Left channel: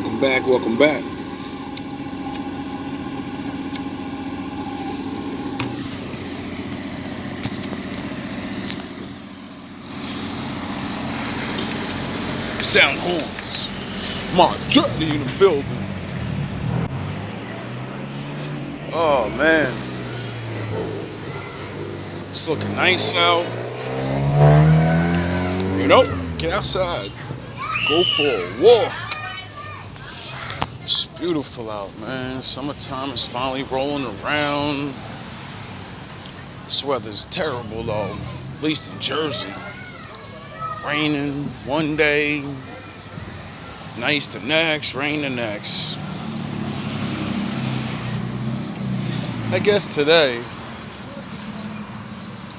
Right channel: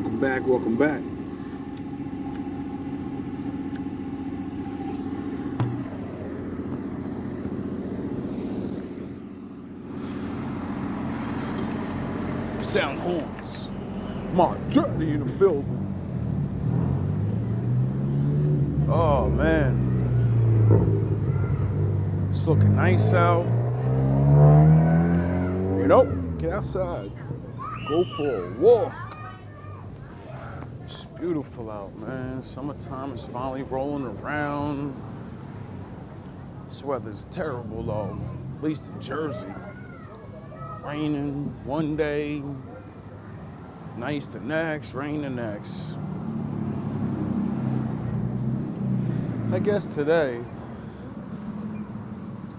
Welcome back, welcome back. Sound horns. My daddy in the building. Oh man. It's looking nice out. You know, get outside. Go for a walk. It's beautiful out, man. Summertime is finally rolling around. This weather's terrible though, at least in Jersey. Raining one day, nice the next, rain the next. I guess today,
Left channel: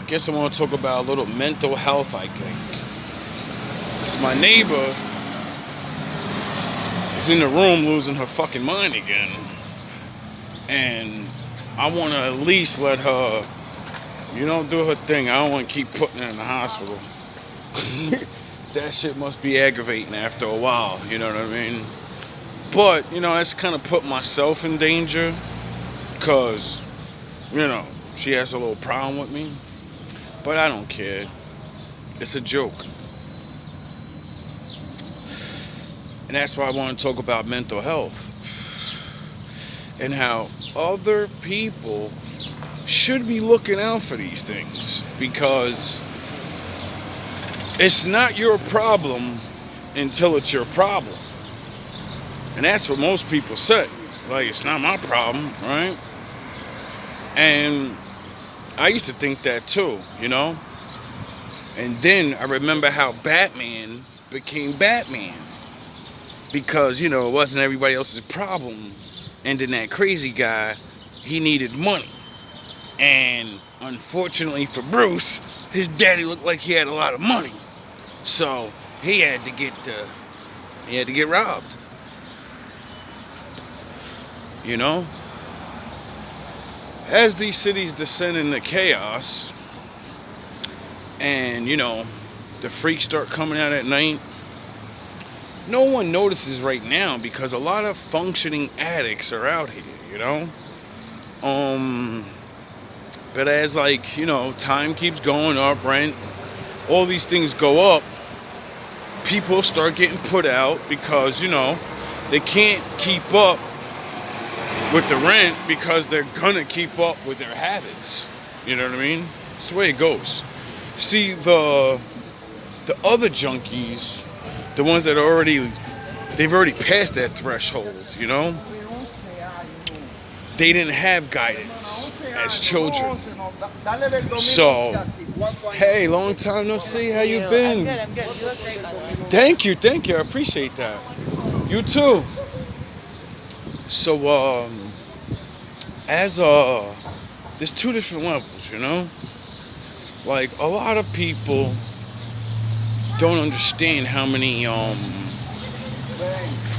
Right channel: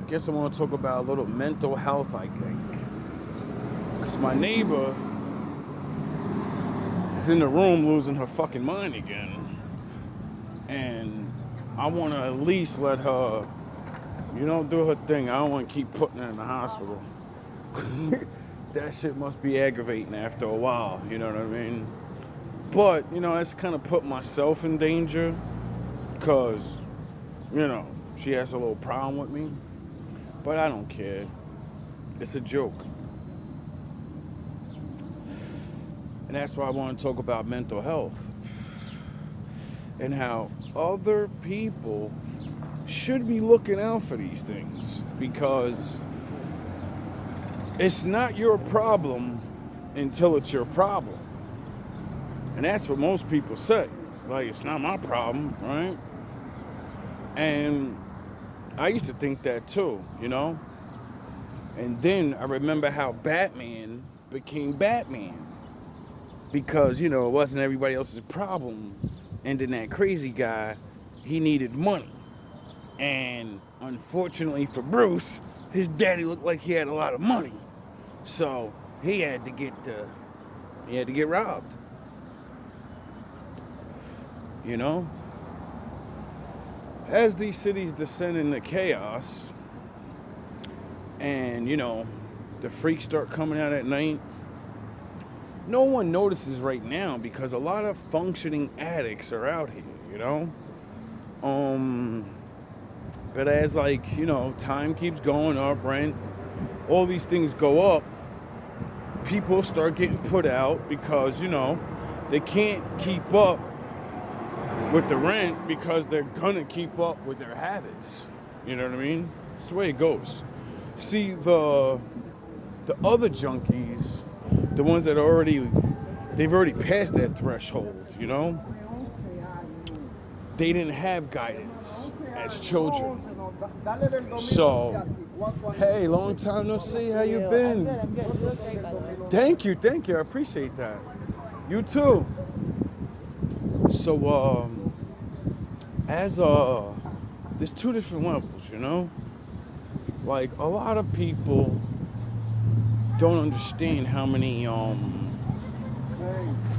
I want to talk about a little mental health, I think. It's my neighbor is in the room losing her fucking mind again. And I want to at least let her, do her thing. I don't want to keep putting her in the hospital. That shit must be aggravating after a while, you know what I mean? But, that's kind of put myself in danger because, she has a little problem with me. But I don't care. It's a joke. And that's why I want to talk about mental health and how other people should be looking out for these things because it's not your problem until it's your problem. And that's what most people say. Like, it's not my problem, right? And I used to think that too, And then I remember how Batman became Batman. Because, it wasn't everybody else's problem. And then that crazy guy, he needed money. And unfortunately for Bruce, his daddy looked like he had a lot of money. So he had to get robbed. As these cities descend into chaos and, the freaks start coming out at night, no one notices right now because a lot of functioning addicts are out here, But as time keeps going up, rent, all these things go up, people start getting put out because, they can't keep up with the rent because they're gonna keep up with their habits. You know what I mean? It's the way it goes. See, the other junkies, the ones that they've already passed that threshold, They didn't have guidance as children. So, hey, long time no see. How you been? I'm good. You look great, by the way. Thank you. I appreciate that. You too. So, there's two different levels, Like, a lot of people don't understand how many,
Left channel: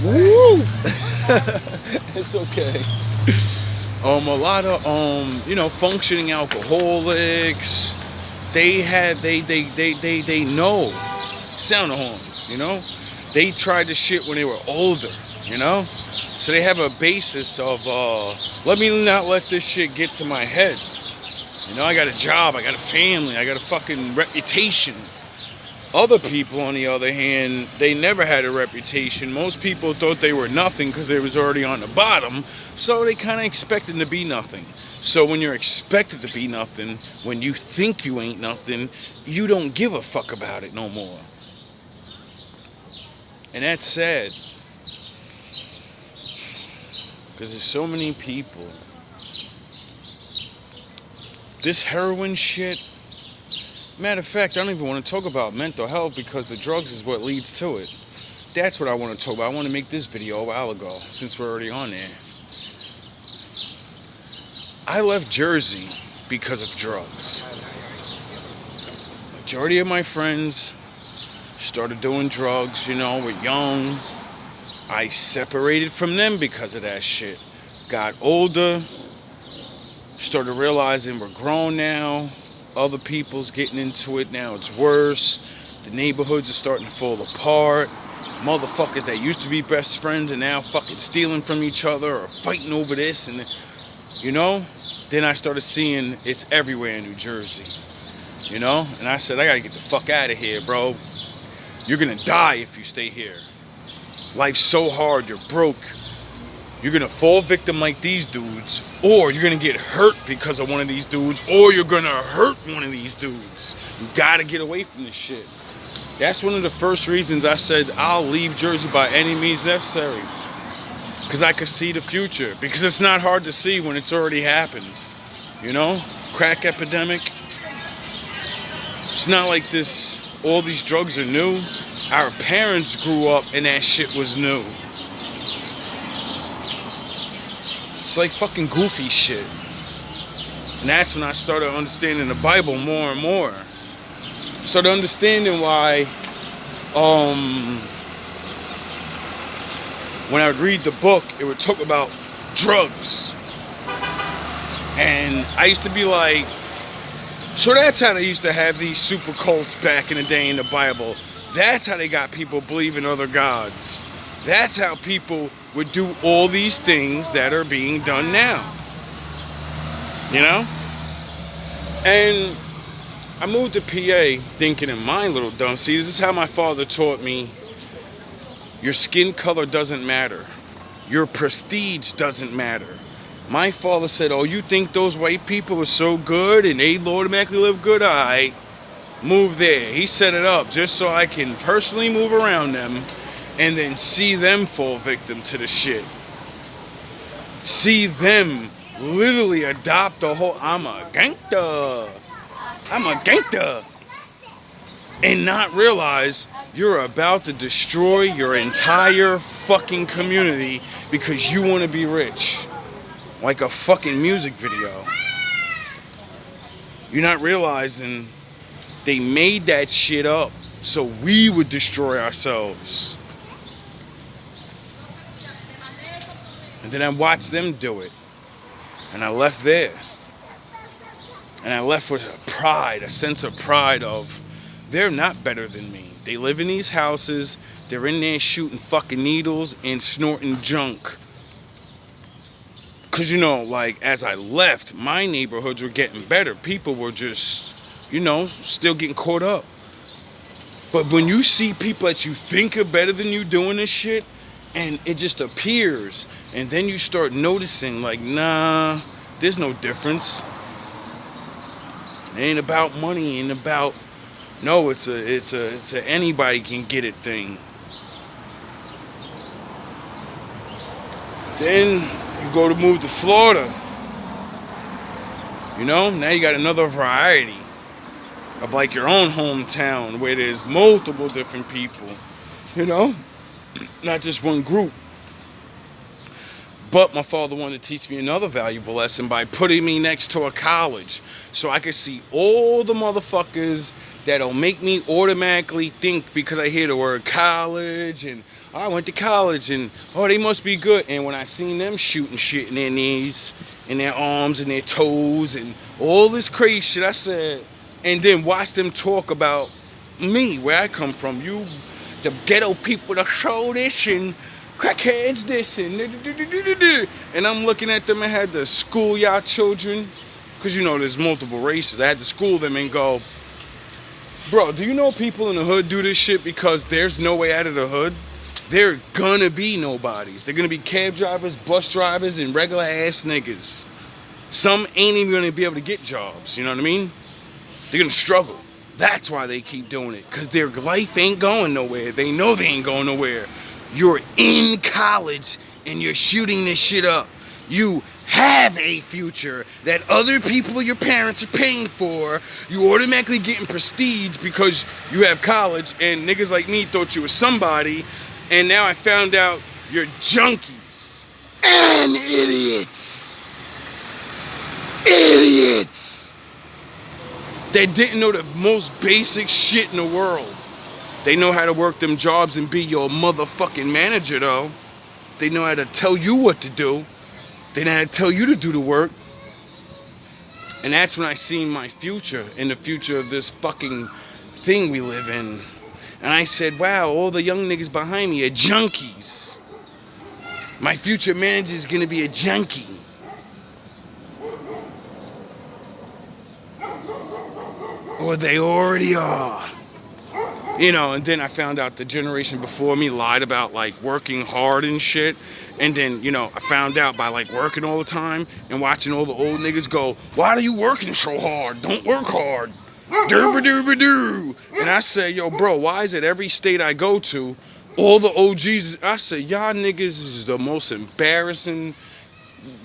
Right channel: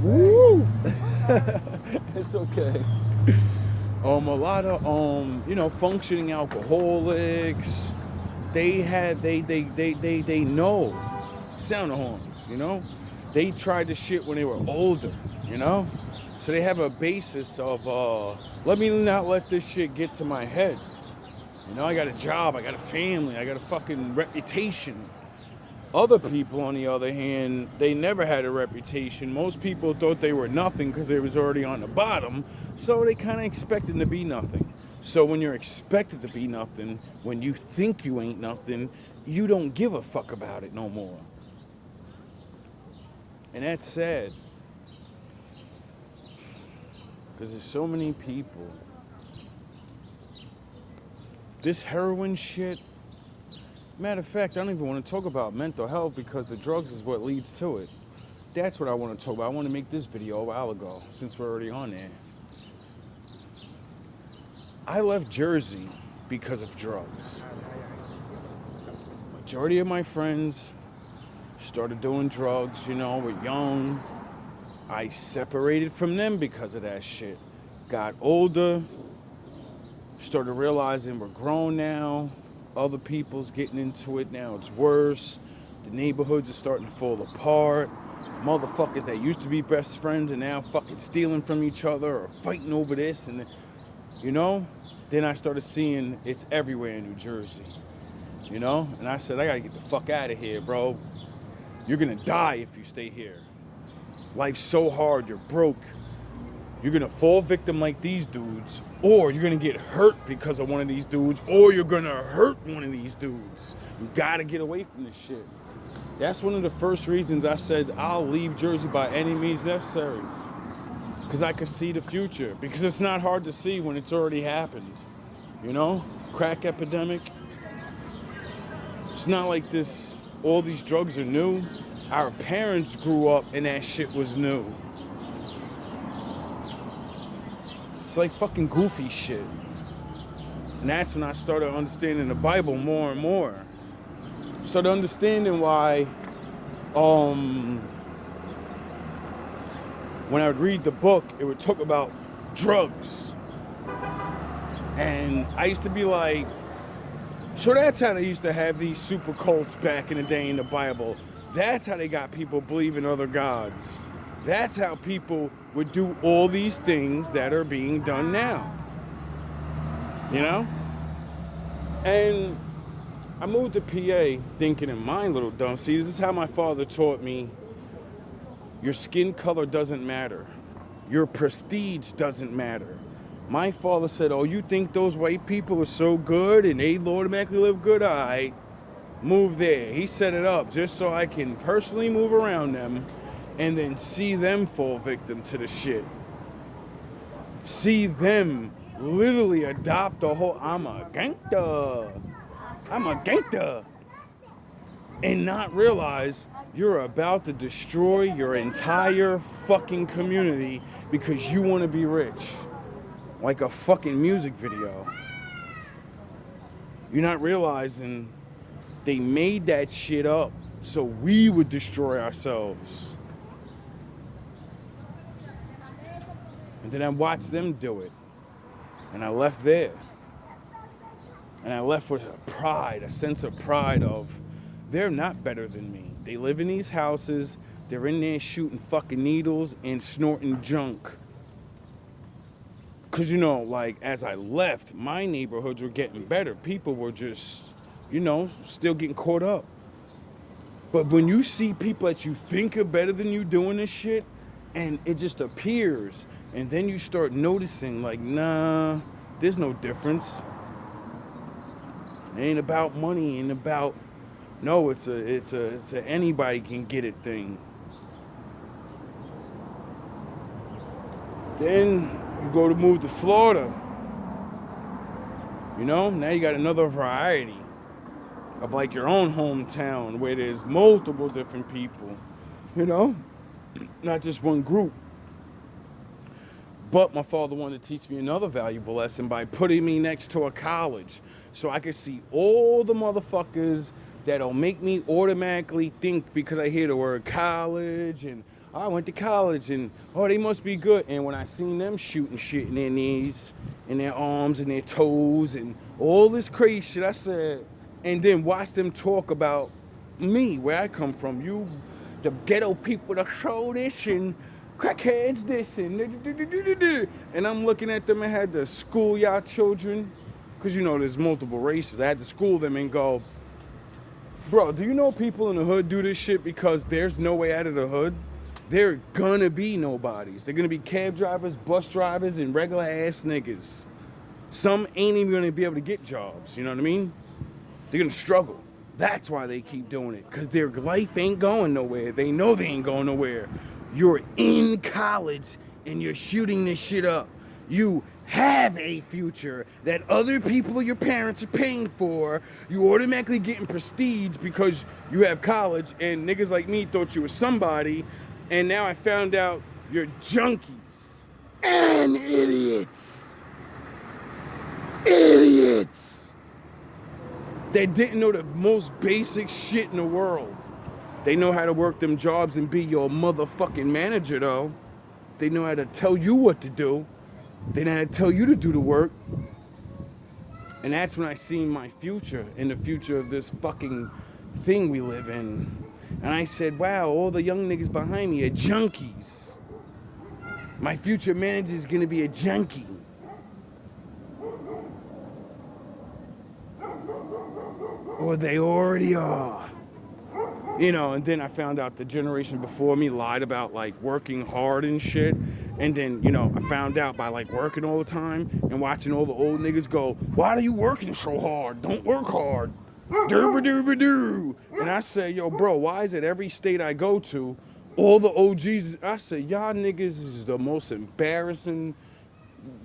woo! It's okay. A lot of, functioning alcoholics, they know sound horns, They tried the shit when they were older, So they have a basis of, let me not let this shit get to my head. I got a job, I got a family, I got a fucking reputation. Other people, on the other hand, they never had a reputation. Most people thought they were nothing because they was already on the bottom, so they kind of expected to be nothing. So when you're expected to be nothing, when you think you ain't nothing, you don't give a fuck about it no more. And that's sad. Because there's so many people. This heroin shit. Matter of fact, I don't even want to talk about mental health because the drugs is what leads to it. That's what I want to talk about. I want to make this video a while ago, since we're already on there. I left Jersey because of drugs. Majority of my friends started doing drugs, we're young. I separated from them because of that shit. Got older, started realizing we're grown now. Other people's getting into it now. It's worse. The neighborhoods are starting to fall apart. motherfuckers that used to be best friends and now fucking stealing from each other or fighting over this and, you know. Then I started seeing it's everywhere in New Jersey, you know. And I said, I gotta get the fuck out of here, bro. You're gonna die if you stay here. Life's so hard, you're broke. You're gonna fall victim like these dudes, or you're gonna get hurt because of one of these dudes, or you're gonna hurt one of these dudes. You gotta get away from this shit. That's one of the first reasons I said I'll leave Jersey by any means necessary. Because I could see the future. Because it's not hard to see when it's already happened. You know? Crack epidemic. It's not like this, all these drugs are new. Our parents grew up and that shit was new. It's like fucking goofy shit. And that's when I started understanding the Bible more and more. Started understanding why when I would read the book, it would talk about drugs. And I used to be like, so that's how they used to have these super cults back in the day in the Bible. That's how they got people believing other gods. That's how people would do all these things that are being done now. You know? And I moved to PA thinking in my little dumb. See, this is how my father taught me. Your skin color doesn't matter. Your prestige doesn't matter. My father said, oh, you think those white people are so good and they automatically live good? All right, move there. He set it up just so I can personally move around them and then see them fall victim to the shit. See them literally adopt the whole, I'm a gangster. And not realize you're about to destroy your entire fucking community because you want to be rich. Like a fucking music video. You're not realizing they made that shit up so we would destroy ourselves. And then I watched them do it. And I left there. And I left with pride, a sense of pride of, they're not better than me. They live in these houses. They're in there shooting fucking needles and snorting junk. Because, you know, like, as I left, my neighborhoods were getting better. People were just, you know, still getting caught up. But when you see people that you think are better than you doing this shit, and it just appears, and then you start noticing, like, nah, there's no difference. It ain't about money, it ain't about, no, it's a anybody can get it thing. Then you go to move to Florida. You know, now you got another variety of like your own hometown where there's multiple different people, you know, not just one group. But my father wanted to teach me another valuable lesson by putting me next to a college so I could see all the motherfuckers that'll make me automatically think because I hear the word college and oh, I went to college and oh, they must be good. And when I seen them shooting shit in their knees, in their arms, and their toes, and all this crazy shit, I said, and then watch them talk about me, where I come from. You, the ghetto people that show this and crackheads this and I'm looking at them. I had to school y'all children because you know there's multiple races. I had to school them and go, bro, do you know people in the hood do this shit because there's no way out of the hood? They're gonna be nobodies. They're gonna be cab drivers, bus drivers, and regular ass niggas. Some ain't even gonna be able to get jobs, you know what I mean? They're gonna struggle. That's why they keep doing it, because their life ain't going nowhere. They know they ain't going nowhere. You're in college and you're shooting this shit up. You have a future that other people, your parents, are paying for. You automatically getting prestige because you have college, and niggas like me thought you were somebody, and now I found out you're junkies and idiots. Idiots. They didn't know the most basic shit in the world. They know how to work them jobs and be your motherfucking manager, though. They know how to tell you what to do. They know how to tell you to do the work. And that's when I seen my future, in the future of this fucking thing we live in. And I said, wow, all the young niggas behind me are junkies. My future manager is gonna be a junkie. Or they already are. And then I found out the generation before me lied about like working hard and shit. And then, I found out by like working all the time and watching all the old niggas go, why are you working so hard? Don't work hard. Doo-ba-doo-ba-doo. And I say, yo, bro, why is it every state I go to, all the OGs, I say, y'all niggas is the most embarrassing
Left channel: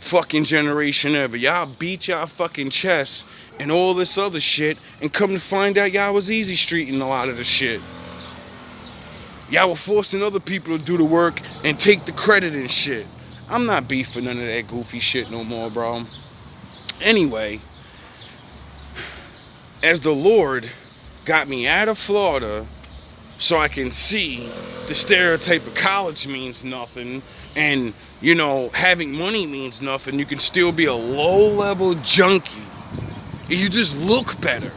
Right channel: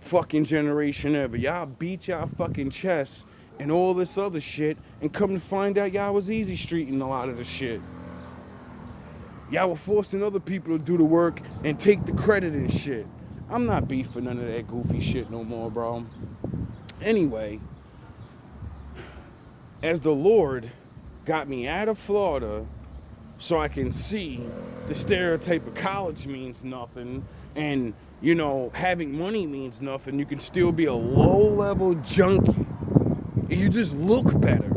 fucking generation ever. Y'all beat y'all fucking chest and all this other shit, and come to find out y'all was easy streeting a lot of the shit. Y'all were forcing other people to do the work and take the credit and shit. I'm not beefing none of that goofy shit no more, bro. Anyway, as the Lord got me out of Florida so I can see the stereotype of college means nothing, and, having money means nothing, you can still be a low-level junkie. You just look better.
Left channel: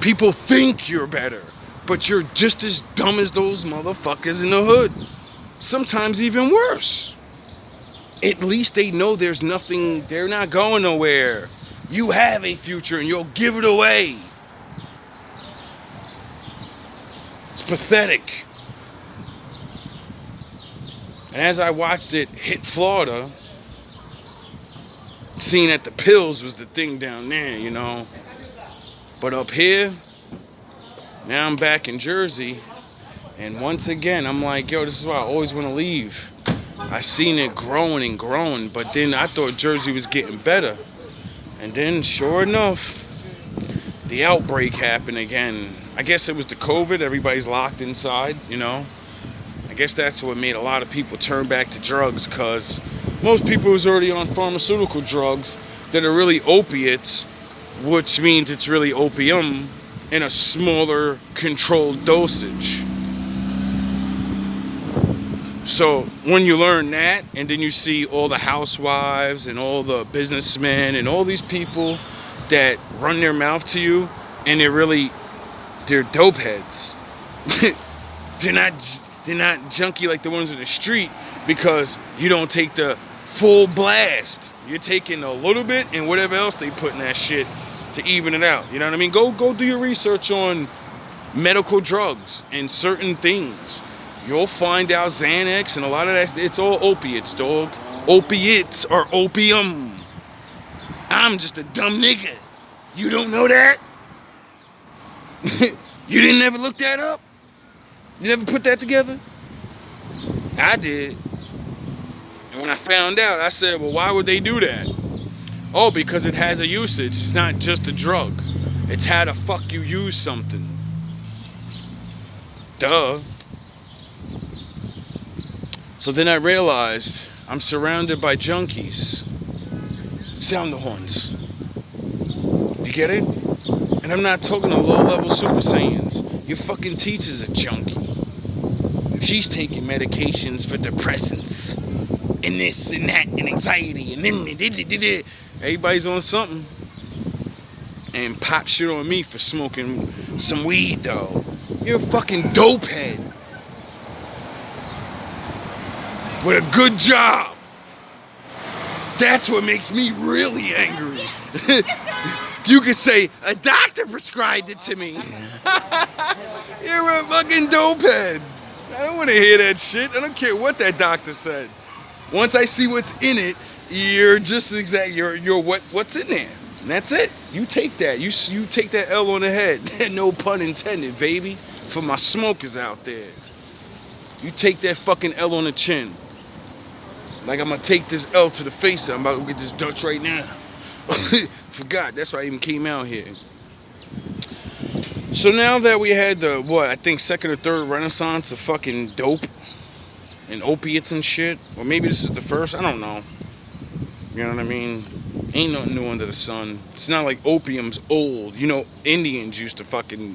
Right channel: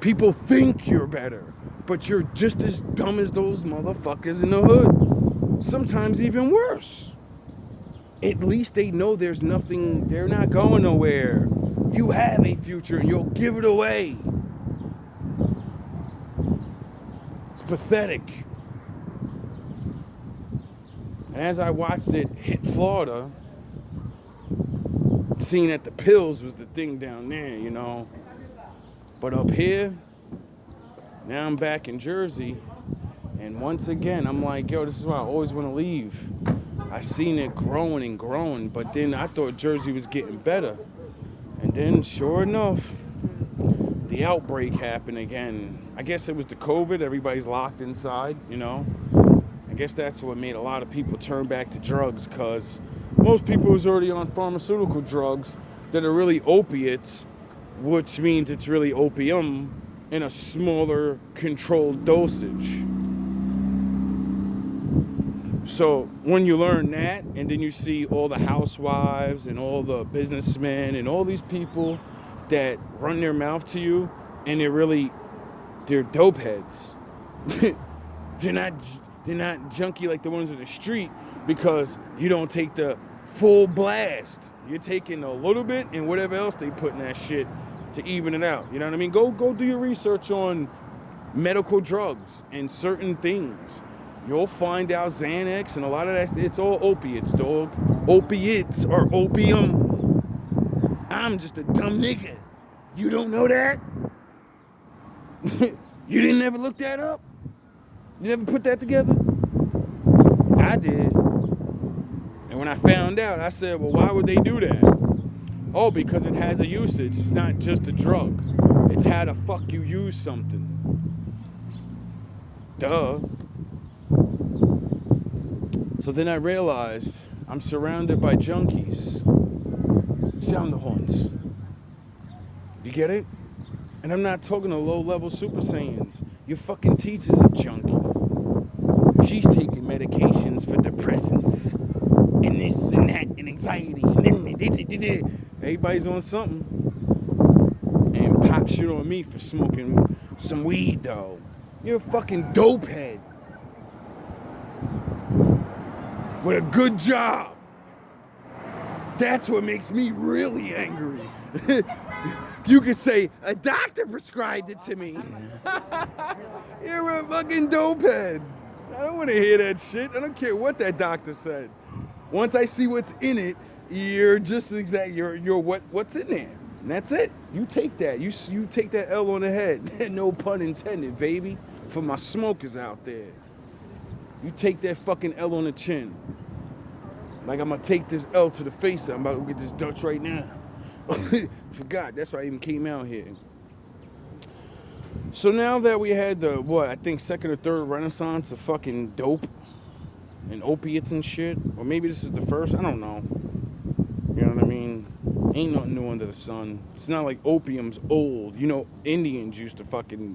People think you're better, but you're just as dumb as those motherfuckers in the hood. Sometimes even worse. At least they know there's nothing, they're not going nowhere. You have a future and you'll give it away. It's pathetic. And as I watched it hit Florida, seeing that the pills was the thing down there, But up here, now I'm back in Jersey, and once again, I'm like, yo, this is why I always want to leave. I seen it growing and growing, but then I thought Jersey was getting better. And then, sure enough, the outbreak happened again. I guess it was the COVID, everybody's locked inside, I guess that's what made a lot of people turn back to drugs, because most people was already on pharmaceutical drugs that are really opiates, which means it's really opium in a smaller controlled dosage. So when you learn that, and then you see all the housewives and all the businessmen and all these people that run their mouth to you, and they're dope heads. They're not junky like the ones in the street, because you don't take the full blast. You're taking a little bit and whatever else they put in that shit to even it out. You know what I mean? Go do your research on medical drugs and certain things. You'll find out Xanax and a lot of that, it's all opiates, dog. Opiates are opium. I'm just a dumb nigga. You don't know that? You didn't ever look that up? You never put that together? I did. And when I found out, I said, well, why would they do that? Oh, because it has a usage. It's not just a drug. It's how the fuck you use something. Duh. So then I realized I'm surrounded by junkies. Sound the horns. You get it? And I'm not talking to low-level Super Saiyans. Your fucking teacher's a junkie. She's taking medications for depressants and this and that and anxiety and then everybody's on something. And pop shit on me for smoking some weed, though. You're a fucking dope head with a good job. That's what makes me really angry. You could say, a doctor prescribed it to me. You're a fucking dope head. I don't want to hear that shit. I don't care what that doctor said. Once I see what's in it, you're just you're what's in there. And that's it. You take that. You take that L on the head. No pun intended, baby. For my smokers out there. You take that fucking L on the chin. Like I'm gonna take this L to the face. I'm about to get this Dutch right now. Forgot. That's why I even came out here. So now that we had the, I think second or third renaissance of fucking dope and opiates and shit, or maybe this is the first, I don't know. You know what I mean? Ain't nothing new under the sun. It's not like opium's old. Indians used to fucking,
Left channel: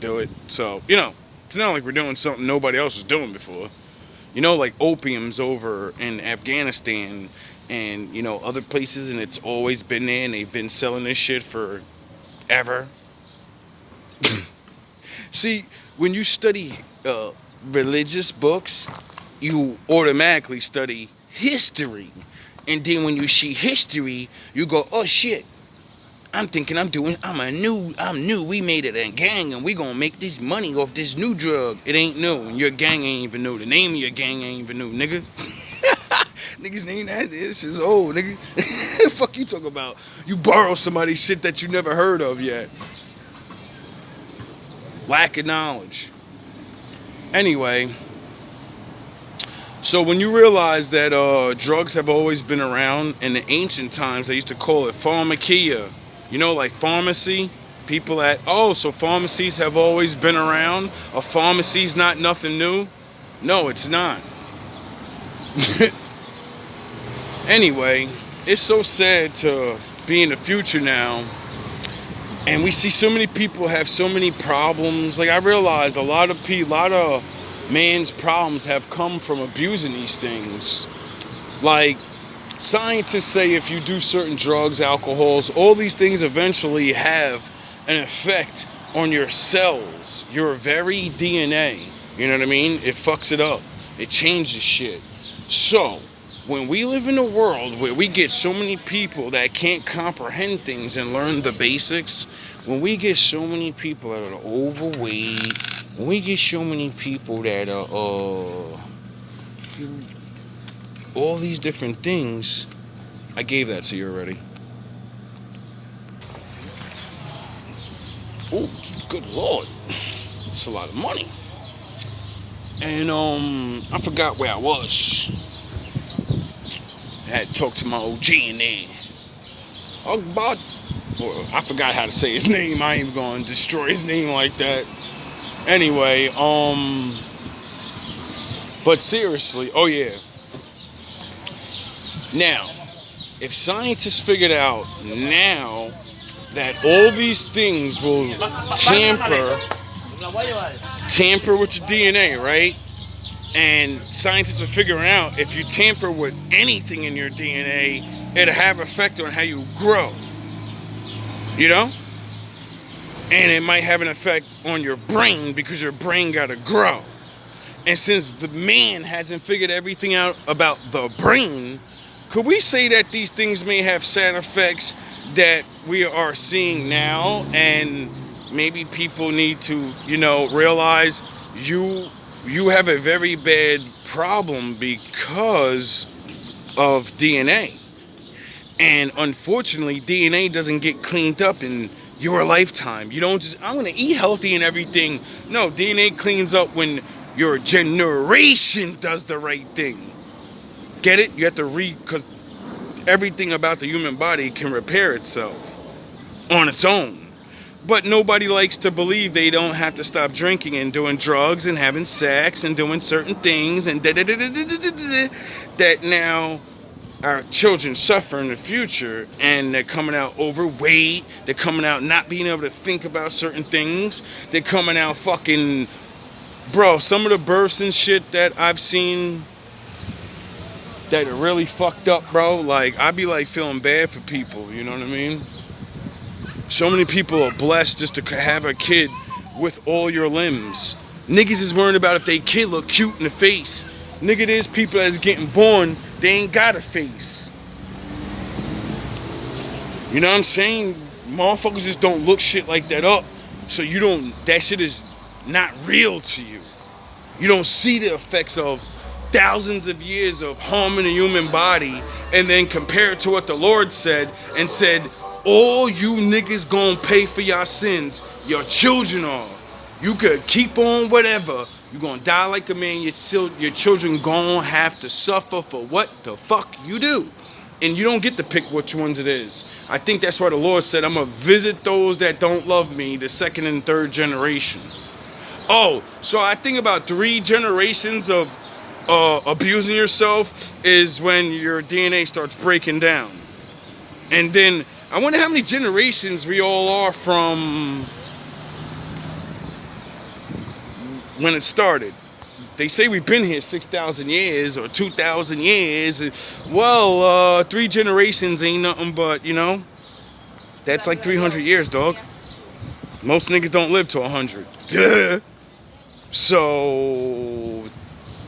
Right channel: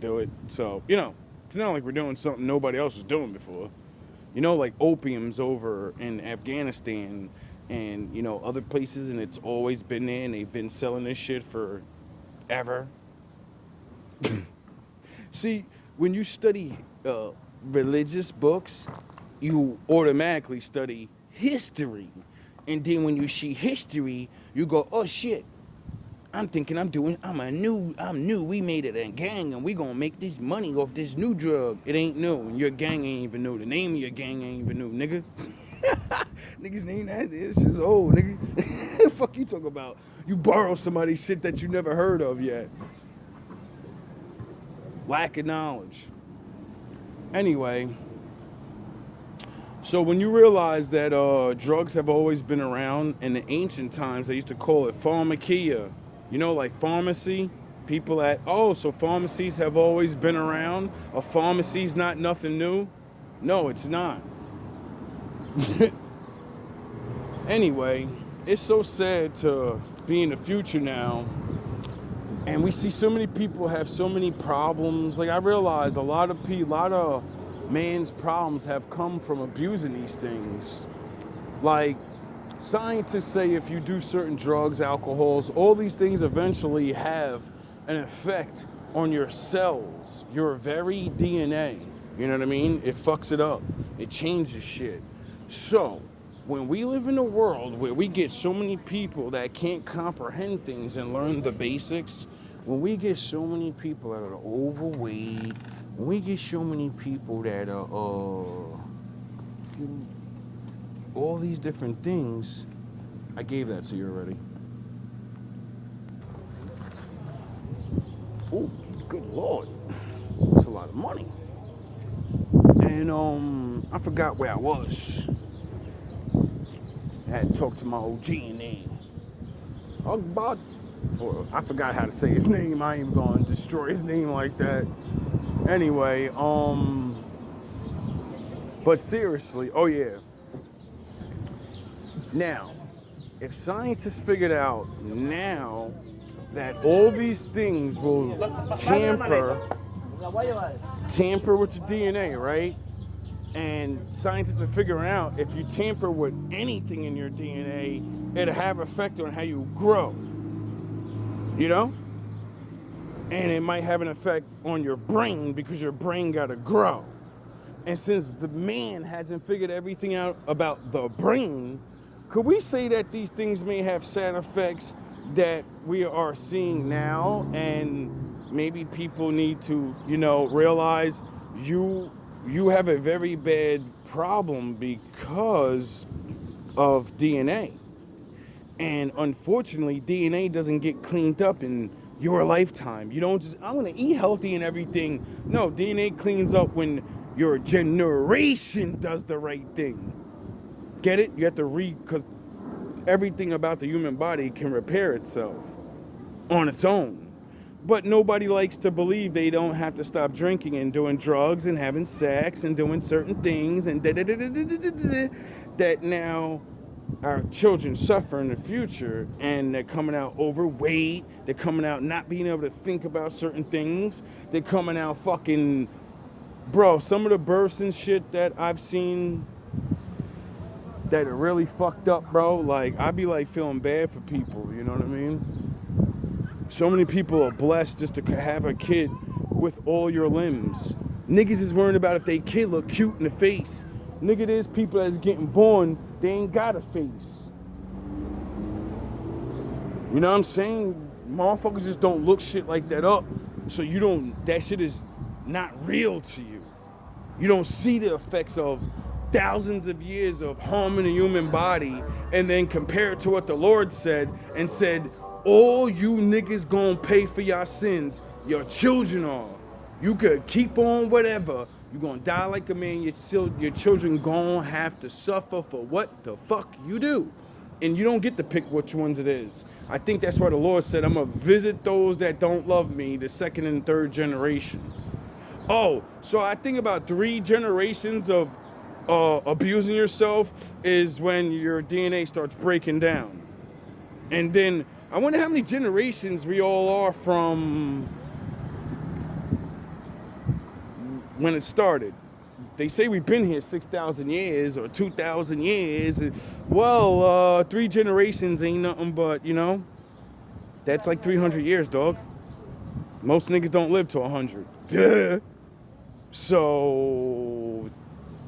do it. So, it's not like we're doing something nobody else was doing before. Like opium's over in Afghanistan and, other places, and it's always been there, and they've been selling this shit forever. See, when you study religious books, you automatically study history. And then when you see history, you go, oh shit, I'm thinking I'm new. We made it a gang and we gonna make this money off this new drug. It ain't new. And your gang ain't even new. The name of your gang ain't even new, nigga. Niggas name that. This is old, nigga. Fuck you talking about? You borrow somebody's shit that you never heard of yet. Lack of knowledge. Anyway, so when you realize that drugs have always been around, in the ancient times they used to call it pharmakia. You know, like pharmacy. People so pharmacies have always been around. A pharmacy's not nothing new. No, it's not. Anyway, it's so sad to be in the future now. And we see so many people have so many problems. Like, I realize a lot of man's problems have come from abusing these things. Like, scientists say if you do certain drugs, alcohols, all these things eventually have an effect on your cells, your very DNA. You know what I mean? It fucks it up. It changes shit. So, when we live in a world where we get so many people that can't comprehend things and learn the basics, when we get so many people that are overweight, when we get so many people that are all these different things, I gave that to you already. Oh, good Lord. That's a lot of money. And I forgot where I was. I had to talk to my OG in there. I forgot how to say his name. I ain't gonna destroy his name like that. Anyway, but seriously, oh yeah. Now, if scientists figured out now that all these things will tamper with your DNA, right? And scientists are figuring out if you tamper with anything in your DNA, it'll have effect on how you grow. You know? And it might have an effect on your brain because your brain gotta grow. And since the man hasn't figured everything out about the brain, could we say that these things may have side effects that we are seeing now, and maybe people need to, realize you have a very bad problem because of DNA. And unfortunately, DNA doesn't get cleaned up in your lifetime. You don't just, I'm going to eat healthy and everything. No, DNA cleans up when your generation does the right thing. Get it? You have to because everything about the human body can repair itself on its own. But nobody likes to believe they don't have to stop drinking and doing drugs and having sex and doing certain things and that now our children suffer in the future, and they're coming out overweight, they're coming out not being able to think about certain things, they're coming out fucking, bro, some of the births and shit that I've seen that are really fucked up, bro, like, I be like feeling bad for people, you know what I mean? So many people are blessed just to have a kid with all your limbs. Niggas is worrying about if they kid look cute in the face. Nigga, there's people that's getting born, they ain't got a face. You know what I'm saying? Motherfuckers just don't look shit like that up. So that shit is not real to you. You don't see the effects of thousands of years of harming the human body and then compare it to what the Lord said and said, all you niggas gonna pay for your sins. Your children are. You could keep on whatever. You're gonna die like a man. Your children gonna have to suffer for what the fuck you do. And you don't get to pick which ones it is. I think that's why the Lord said, I'm gonna visit those that don't love me, the second and third generation. Oh, so I think about 3 generations of abusing yourself is when your DNA starts breaking down. And then I wonder how many generations we all are from when it started. They say we've been here 6,000 years or 2,000 years. Well, 3 generations ain't nothing but, that's like 300 years, dog. Most niggas don't live to 100. Duh. So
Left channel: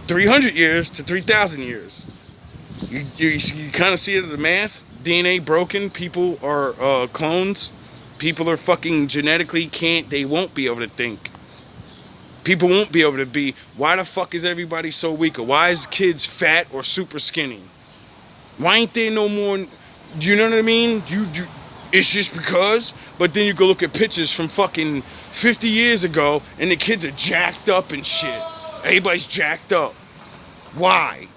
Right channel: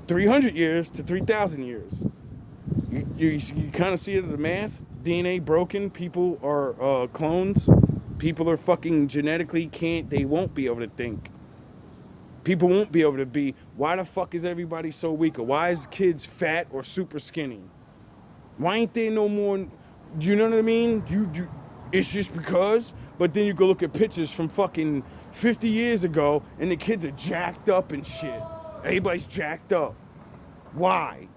300 years to 3,000 years. You kind of see it in the math. DNA broken. People are clones. People are fucking genetically they won't be able to think. People won't be able to be. Why the fuck is everybody so weak? Or why is kids fat or super skinny? Why ain't there no more? You know what I mean? It's just because. But then you go look at pictures from fucking 50 years ago, and the kids are jacked up and shit. Everybody's jacked up. Why?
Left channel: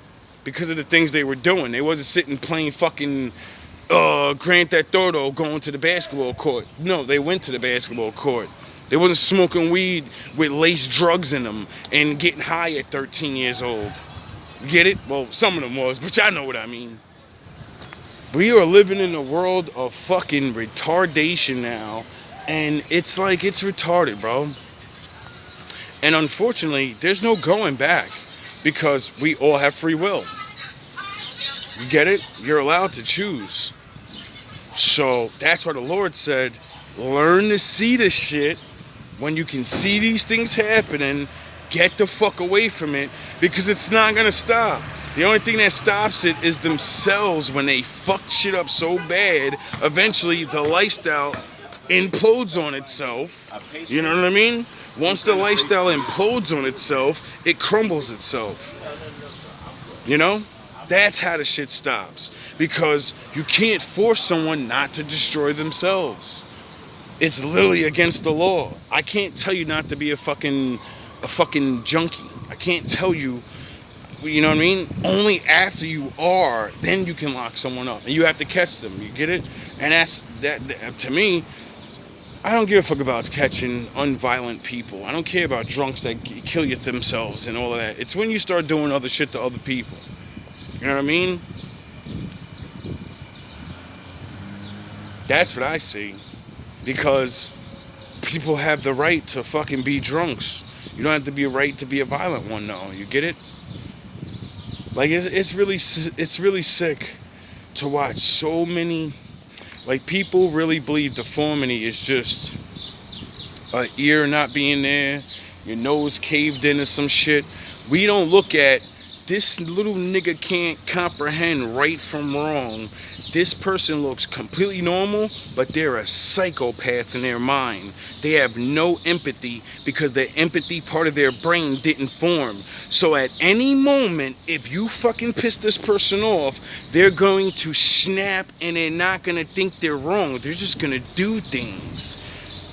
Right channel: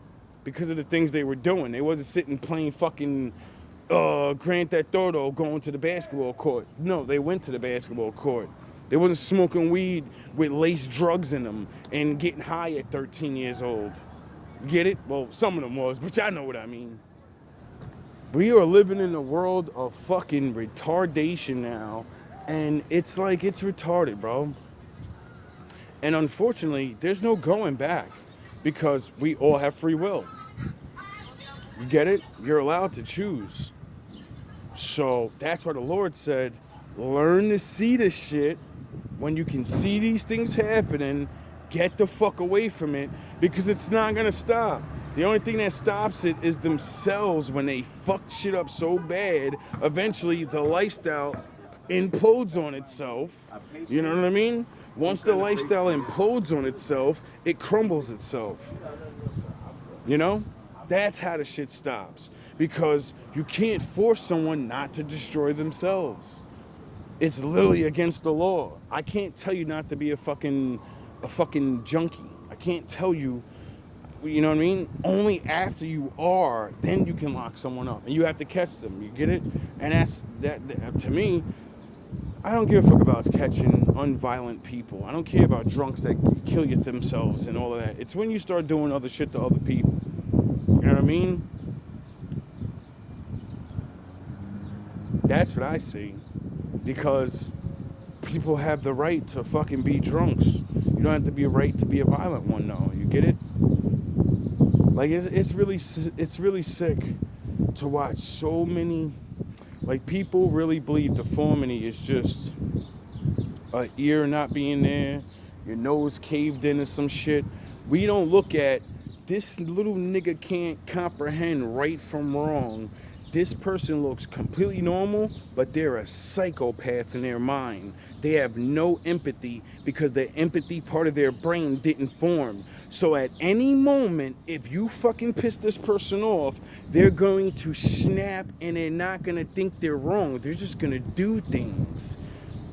Because of the things they were doing. They wasn't sitting playing fucking Grand Theft Auto going to the basketball court. No, they went to the basketball court. They wasn't smoking weed with laced drugs in them and getting high at 13 years old. You get it? Well, some of them was, but y'all know what I mean. We are living in a world of fucking retardation now, and it's like, it's retarded, bro. And unfortunately, there's no going back because we all have free will. You get it? You're allowed to choose. So that's why the Lord said, learn to see this shit. When you can see these things happening, get the fuck away from it, because it's not gonna stop. The only thing that stops it is themselves. When they fuck shit up so bad, eventually the lifestyle implodes on itself. You know what I mean? Once the lifestyle implodes on itself, it crumbles itself. You know? That's how the shit stops. Because you can't force someone not to destroy themselves. It's literally against the law. I can't tell you not to be a fucking junkie. I can't tell you, you know what I mean? Only after you are, then you can lock someone up. And you have to catch them. You get it? And that to me, I don't give a fuck about catching unviolent people. I don't care about drunks that kill themselves and all of that. It's when you start doing other shit to other people. You know what I mean? That's what I see. Because people have the right to fucking be drunks. You don't have to be a right to be a violent one, though. You get it? Like, it's really sick to watch so many. Like, people really believe deformity is just an ear not being there, your nose caved in or some shit. We don't look at this little nigga can't comprehend right from wrong. This person looks completely normal, but they're a psychopath in their mind. They have no empathy because the empathy part of their brain didn't form. So at any moment, if you fucking piss this person off, they're going to snap and they're not going to think they're wrong. They're just going to do things.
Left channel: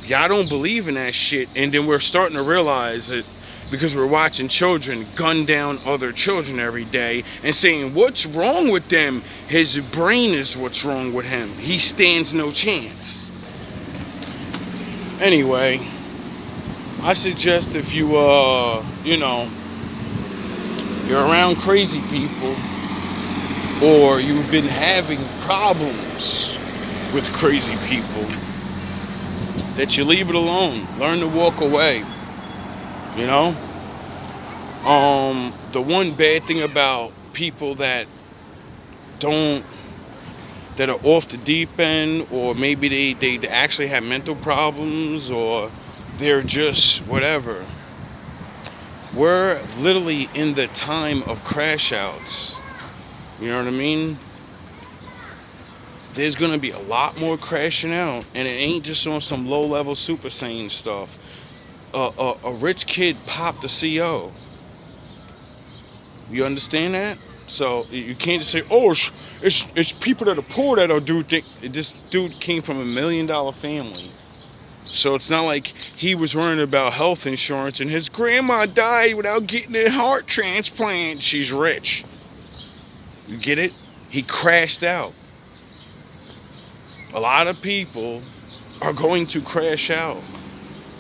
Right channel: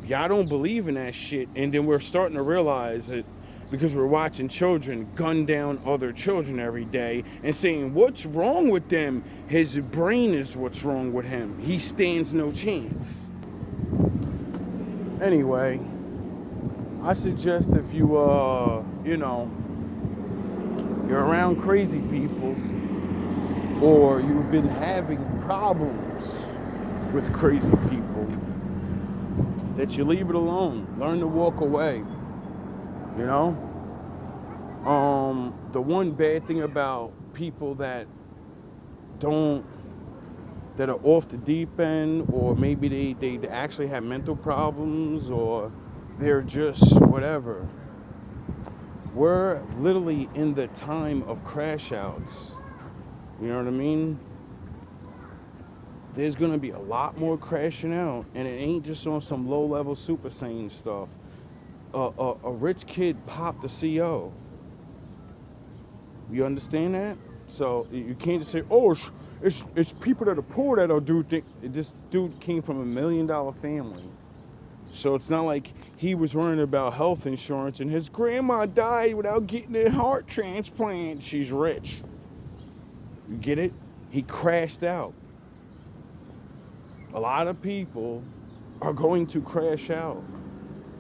Y'all don't believe in that shit. And then we're starting to realize it because we're watching children gun down other children every day and saying, what's wrong with them? His brain is what's wrong with him. He stands no chance. Anyway, I suggest if you, you're around crazy people, or you've been having problems with crazy people, that you leave it alone. Learn to walk away. You know? The one bad thing about people that are off the deep end, or maybe they actually have mental problems, or they're just whatever. We're literally in the time of crash outs. You know what I mean? There's gonna be a lot more crashing out, and it ain't just on some low-level Super Saiyan stuff. A rich kid popped the CO. You understand that? So you can't just say, "Oh, it's people that are poor that are do things." This dude came from $1 million family, so it's not like he was worrying about health insurance and his grandma died without getting a heart transplant. She's rich. You get it? He crashed out. A lot of people are going to crash out.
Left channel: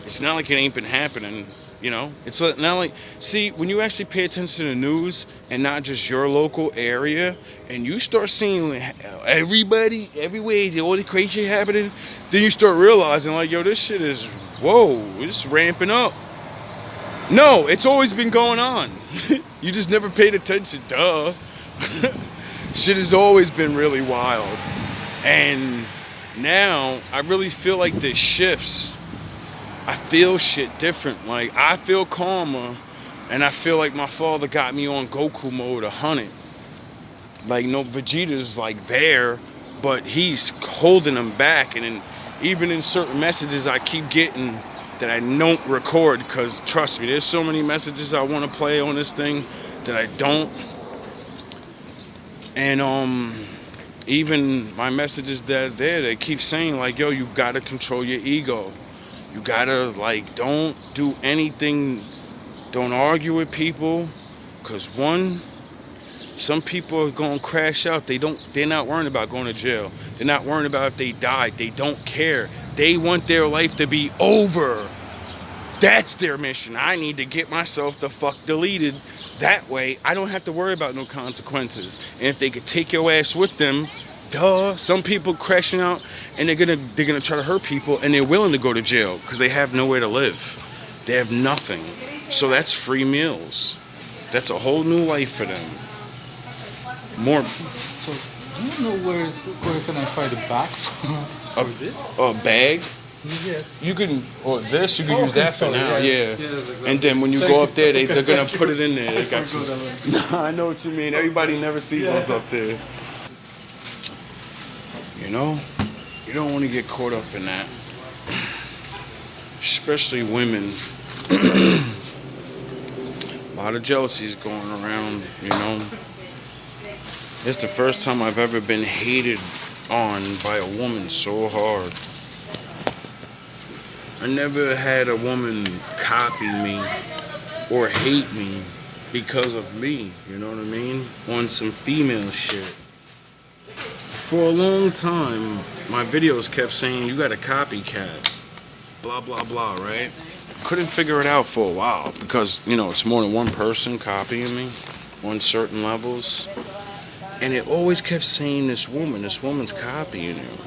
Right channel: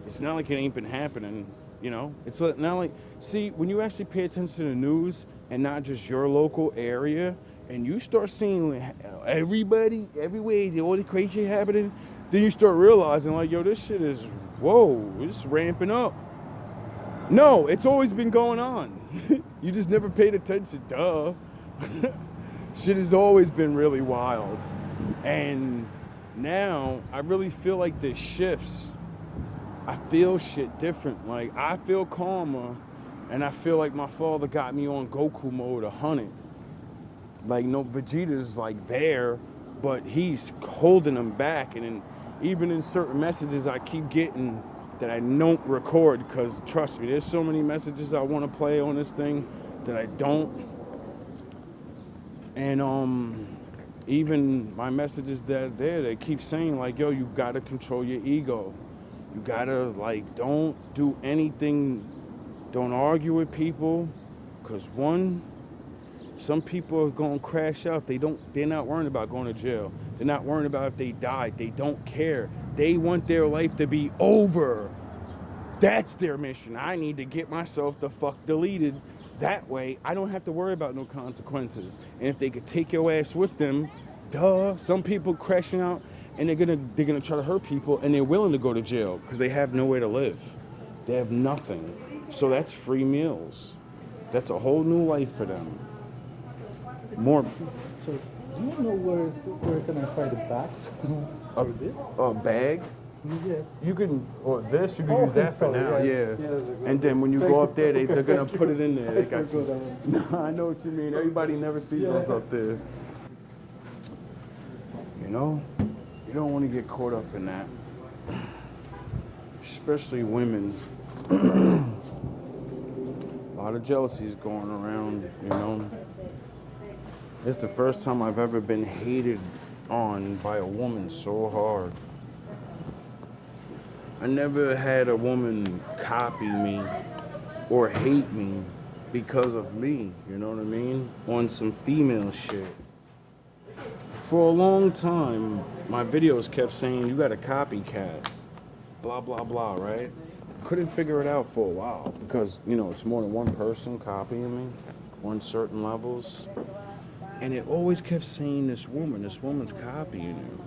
It's not like it ain't been happening, you know? It's not like, see, when you actually pay attention to the news and not just your local area, and you start seeing everybody, everywhere, all the crazy shit happening, then you start realizing, like, yo, this shit is, whoa, it's ramping up. No, it's always been going on. You just never paid attention, duh. Shit has always been really wild. And now, I really feel like the shifts I feel shit different. Like, I feel calmer, and I feel like my father got me on Goku mode 100. Like, no, Vegeta's like there, but he's holding him back. And then even in certain messages I keep getting that I don't record, because trust me, there's so many messages I want to play on this thing that I don't. And even my messages that are there, they keep saying like, yo, you gotta control your ego. You gotta, like, don't do anything, don't argue with people, because one, some people are gonna crash out. They're not worrying about going to jail. They're not worrying about if they died. They don't care. They want their life to be over. That's their mission. I need to get myself the fuck deleted. That way, I don't have to worry about no consequences. And if they could take your ass with them, duh. Some people crashing out, and they're gonna try to hurt people, and they're willing to go to jail because they have nowhere to live. They have nothing. So that's free meals. That's a whole new life for them. More. So, do you know where can I find a bag for this? A bag. Yes. You can, or this, you can use that for now. Yes. Yeah. Yes, And then when you go up there, they're gonna put it in there. They got you. I know what you mean. Everybody never sees us up there. You know, you don't want to get caught up in that. Especially women. A lot of jealousy is going around, you know. It's the first time I've ever been hated on by a woman so hard. I never had a woman copy me or hate me because of me, you know what I mean? On some female shit. For a long time, my videos kept saying, you got a copycat, blah, blah, blah, right? Couldn't figure it out for a while because, you know, it's more than one person copying me on certain levels. And it always kept saying this woman's copying you.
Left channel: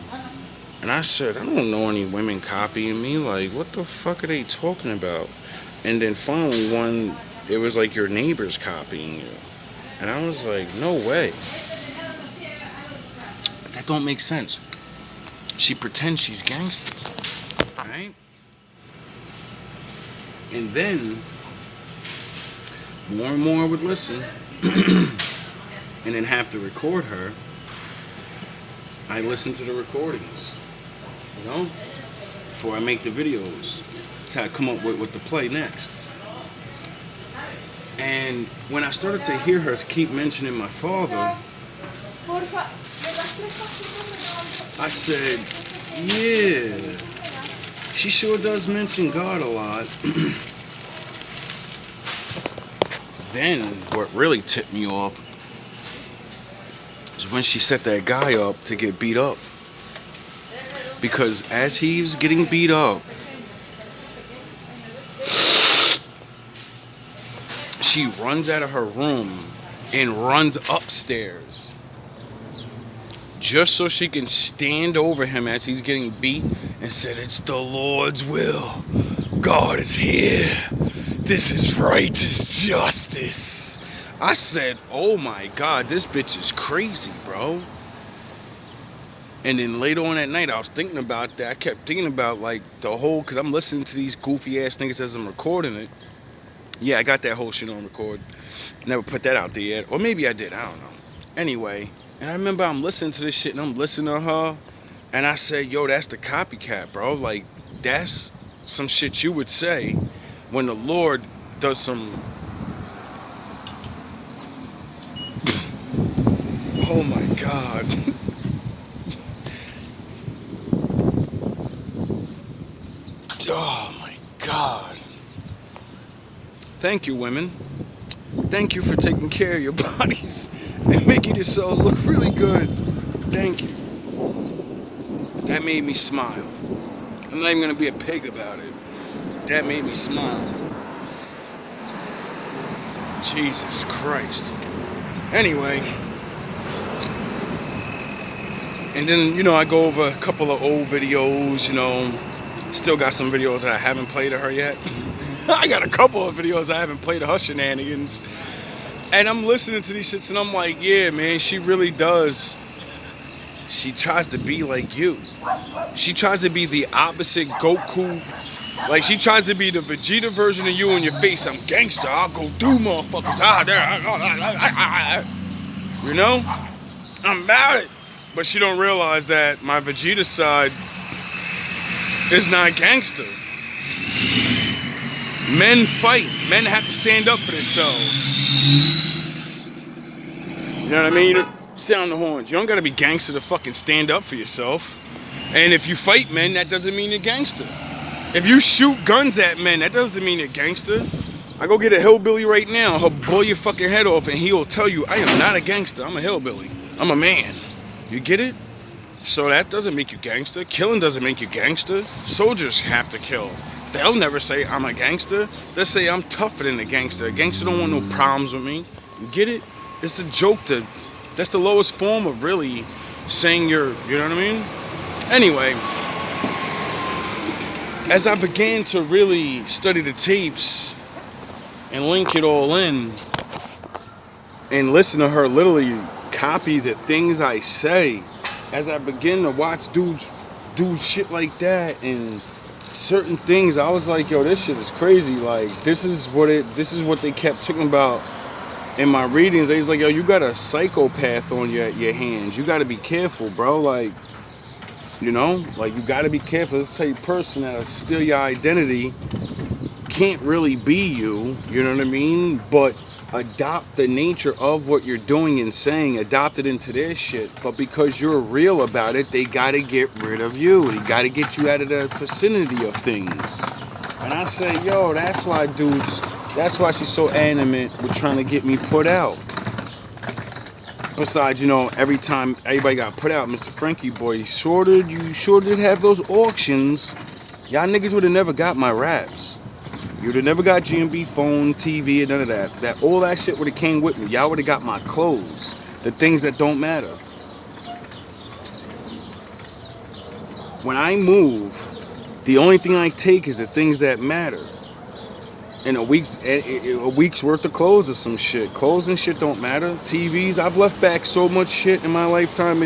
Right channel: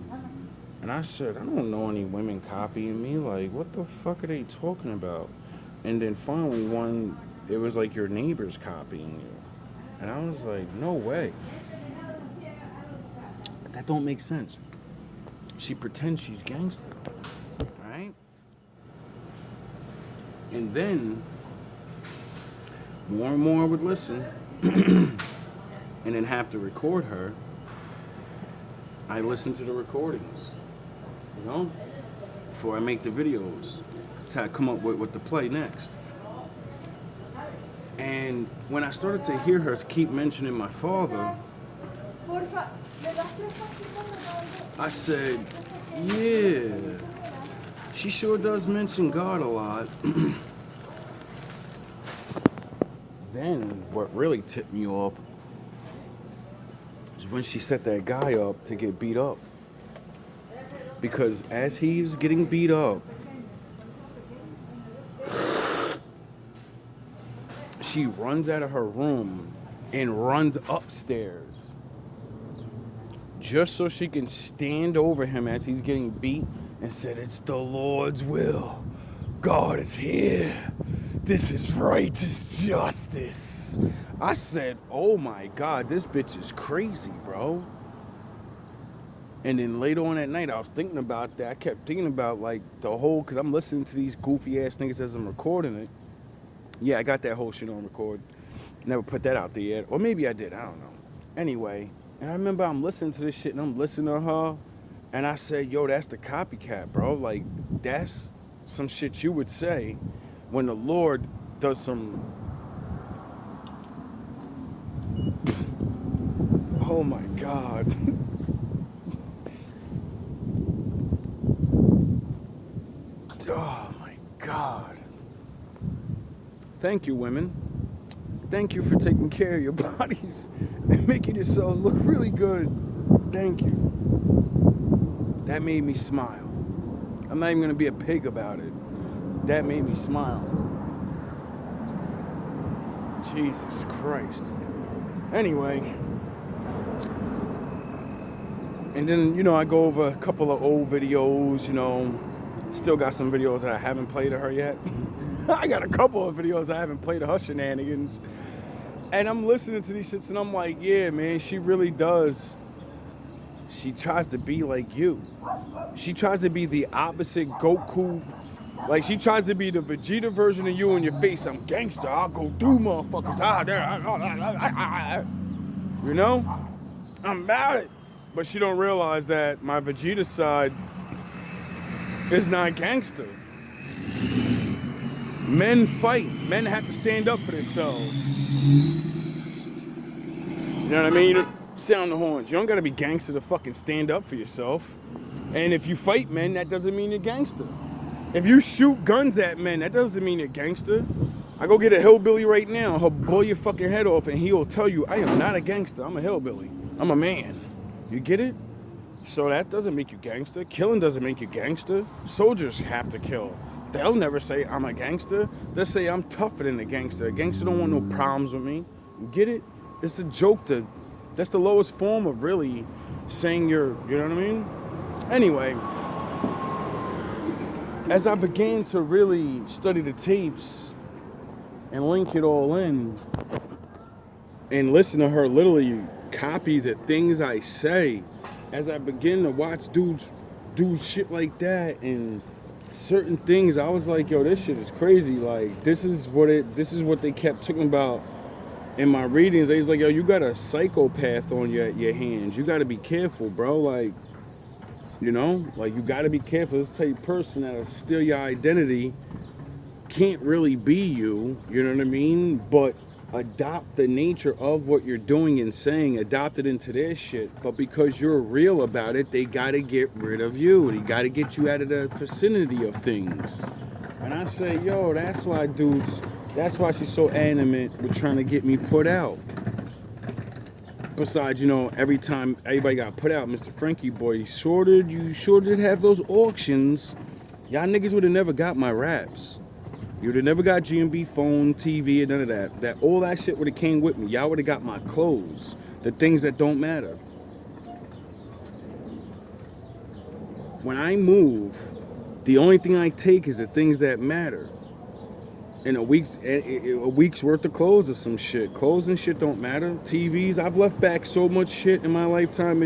And I said, I don't know any women copying me. Like, what the fuck are they talking about? And then finally it was like your neighbor's copying you. And I was like, no way. That don't make sense. She pretends she's gangster, right? And then more and more would listen and then have to record her. I listen to the recordings, you know, before I make the videos. That's how I come up with what to play next. And when I started to hear her keep mentioning my father, I said, yeah, she sure does mention God a lot. Then what really tipped me off was when she set that guy up to get beat up. Because as he was getting beat up, she runs out of her room and runs upstairs just so she can stand over him as he's getting beat and said, it's the Lord's will. God is here. This is righteous justice. I said, oh my God, this bitch is crazy, bro. And then later on that night, I was thinking about that. I kept thinking about like the whole, because I'm listening to these goofy ass niggas as I'm recording it. Yeah, I got that whole shit on record. Never put that out there yet. Or maybe I did, I don't know. Anyway, and I remember I'm listening to this shit and I'm listening to her. And I said, yo, that's the copycat, bro. Like, that's some shit you would say when the Lord does some... Oh my God. Oh my God. Thank you, women. Thank you for taking care of your bodies and making yourselves look really good. Thank you. That made me smile. I'm not even gonna be a pig about it. That made me smile. Jesus Christ. Anyway. And then, you know, I go over a couple of old videos, you know. Still got some videos that I haven't played of her yet. I got a couple of videos I haven't played of her shenanigans. And I'm listening to these shits and I'm like, yeah, man, she really does. She tries to be like you. She tries to be the opposite Goku Like she tries to be the Vegeta version of you in your face. I'm gangster. I'll go through motherfuckers. You know? I'm about it. But she don't realize that my Vegeta side is not gangster. Men fight. Men have to stand up for themselves. You know what I mean? You sound the horns. You don't gotta be gangster to fucking stand up for yourself. And if you fight men, that doesn't mean you're gangster. If you shoot guns at men, that doesn't mean you're gangster. I go get a hillbilly right now. He'll blow your fucking head off and he'll tell you, I am not a gangster. I'm a hillbilly. I'm a man. You get it? So that doesn't make you gangster. Killing doesn't make you gangster. Soldiers have to kill. They'll never say I'm a gangster. They'll say I'm tougher than a gangster. A gangster don't want no problems with me. You get it? It's a joke. That's the lowest form of really saying you're, you know what I mean? Anyway, as I began to really study the tapes and link it all in and listen to her literally copy the things I say, as I begin to watch dudes do shit like that and certain things, I was like, yo, this shit is crazy. Like, this is what they kept talking about in my readings. They was like, yo, you got a psychopath on your hands. You got to be careful, bro. Like, you know, like you got to be careful. This type of person that'll steal your identity can't really be you. You know what I mean? But adopt the nature of what you're doing and saying, adopt it into their shit. But because you're real about it, they gotta get rid of you. They gotta get you out of the vicinity of things. And I say, yo, that's why dudes, that's why she's so animate with trying to get me put out. Besides, you know, every time everybody got put out, Mr. Frankie boy, you sure did have those auctions. Y'all niggas would have never got my raps. You would have never got GMB phone, TV, and none of that. All that shit would have came with me. Y'all would have got my clothes. The things that don't matter. When I move, the only thing I take is the things that matter. And a week's worth of clothes or some shit. Clothes and shit don't matter. TVs, I've left back so much shit in my lifetime,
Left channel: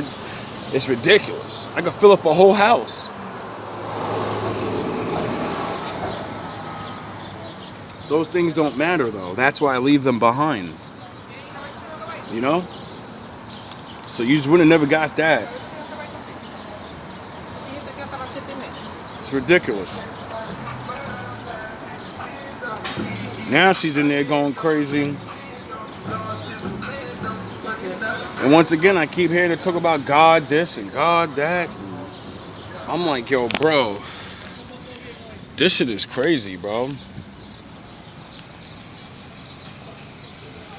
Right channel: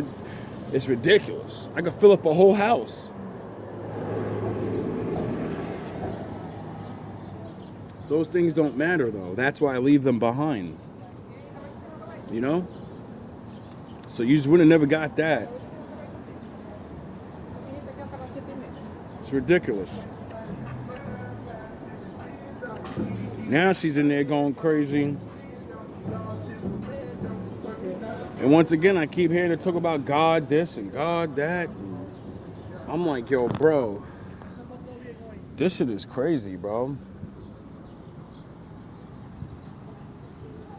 it's ridiculous. I could fill up a whole house. Those things don't matter though. That's why I leave them behind. You know? So you just would have never got that. It's ridiculous. Now she's in there going crazy. And once again, I keep hearing her talk about God this and God that. I'm like, yo, bro, this shit is crazy, bro.